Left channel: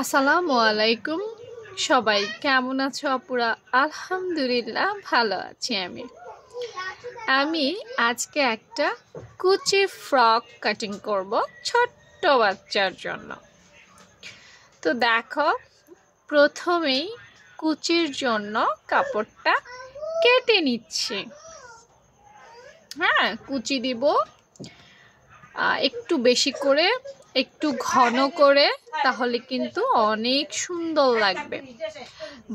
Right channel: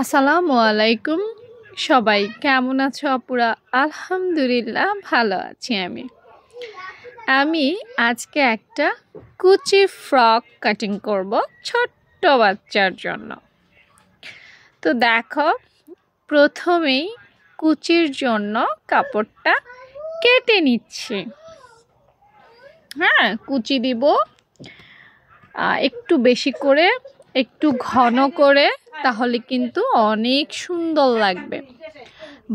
আসসালামু আলাইকুম। সবাই কেমন আছো আপুরা? আলহামদুলিল্লাহ ভালো আছি। আমি আজকে একটা কুচি ফ্রক কাটিং করব ছোট্ট বাচ্চার জন্য। তো দেখো, প্রথমেই কুচির জন্য কাপড়টা কেটে নিচ্ছি। কুচি দিব একটু বেশি করে, একটু ঘন করে, তাহলে কিন্তু অনেক সুন্দর লাগবে।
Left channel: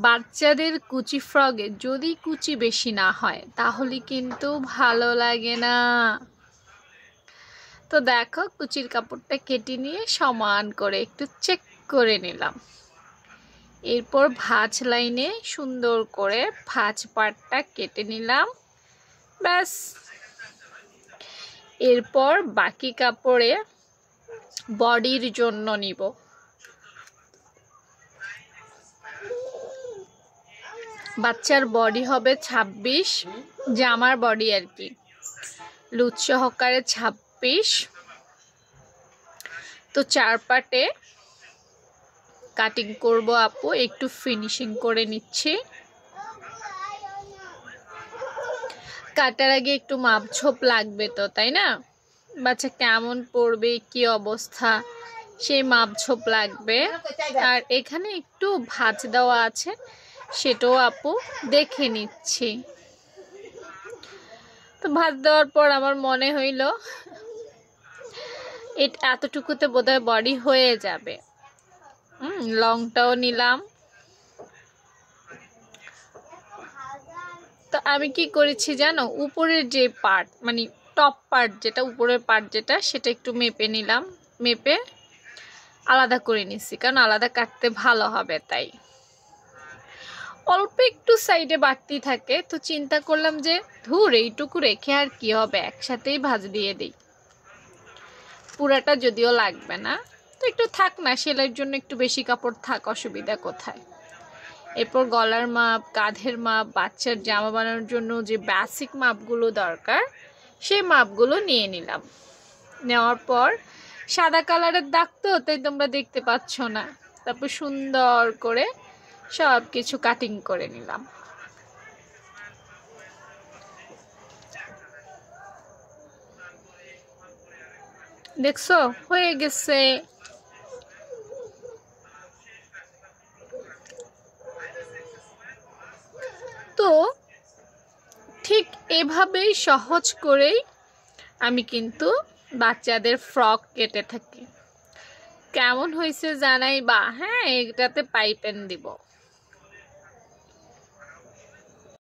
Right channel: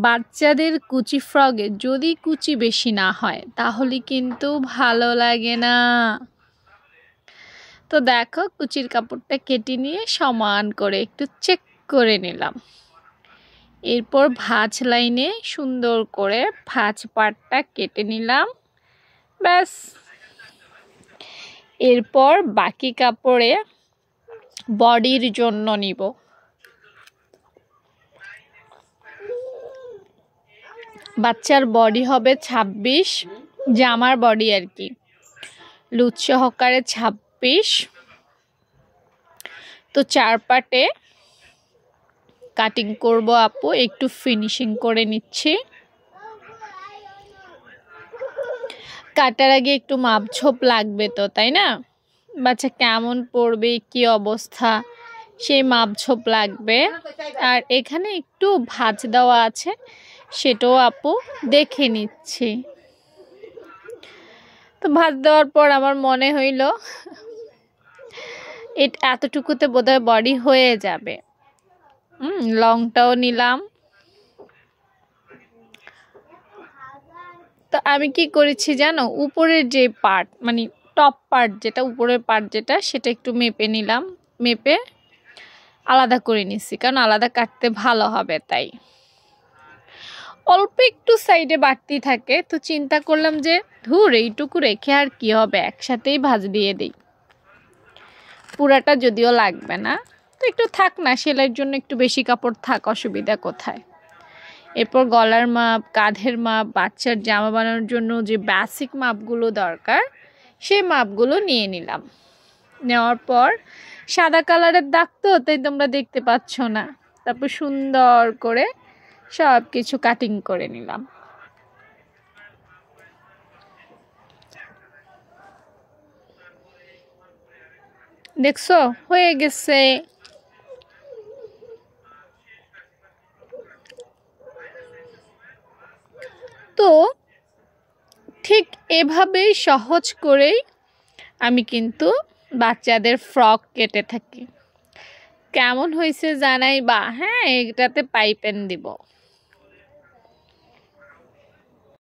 বাচ্চাদের কুচি ফ্রকে যদি কুচি বেশি না হয় তাহলে কিন্তু ভালো লাগে না। তো দেখো, কুচির কাপড়টা কেটে নিয়ে সমান করে একটু চেক করে নিলাম। এরপর ভাঁজ লাইনে সুন্দর করে ভাঁজ পাটটা কেটে নিলাম, ব্যাস। এরপর বাকি কাপড়ে বডির জন্য নিব। বাচ্চার বডি হবে 26, জামার বডি আর কি, লুজ সহকারে 26। তো 4 পাটে কাটিং করব আপু, একটু ফিনিশিং করে নিচ্ছি। কাটার আগে একটু মাপঝোপ লাগবে তো, তাই না? বাচ্চা কেমন পড়বে, কি অবস্থা, সেই মাপঝোপ লাগবে। আর এখানে একটু ভাঁজ দেওয়া আছে, সেটাও আপু দেখে নিচ্ছি। তো ভাঁজ দেওয়ার পর আমার মনে হইল এতটুকুতে বোধহয় বডি হয়ে যাবে। লংটাও নিলাম। তো আমি কি করেছি জানো, উপরের যে পার্ট, মানে টপ পার্ট যেটা, উপরের পার্ট যেটা, সেটা একটু মেপে নিলাম। মেপে আলাদা করে নিচ্ছি, কারণ আলাদা কাটতে ভালো হবে। তাই অল্প একটু সাইডে বাড়তি থাকে, তো চিন্তা করলাম যে ধুর, এইটুকু রেখে আর কি হবে, একসাথেই ভাঁজ দিয়ে দিই। পুরাটা যদিও লাগবে না, তো একটু থাক না, সেলাইয়ের জন্য একটু বেশি কাপড় থাক, অসুবিধা কোথায়। এরপর গলার মাপ, কাঁধের মাপ, বাচ্চার জামা বানানোর জন্য যে বেসিক মাপগুলো দরকার, সেই মাপগুলো নিয়ে নিলাম। নেওয়ার পর সাদা কালারের দাগ তো, তাই তোমরা দেখতে পাচ্ছ না। তারপর সুন্দর করে সব কিছু কাটিং করে নিলাম। দেখছো, হয়ে গেছে। তো ঠিক এভাবেই সহজ করেই আমি কিন্তু বাচ্চাদের ফ্রক কেটে থাকি। কেমন হয়েছে জানাইবা। এটাতে পাইপেন দিব।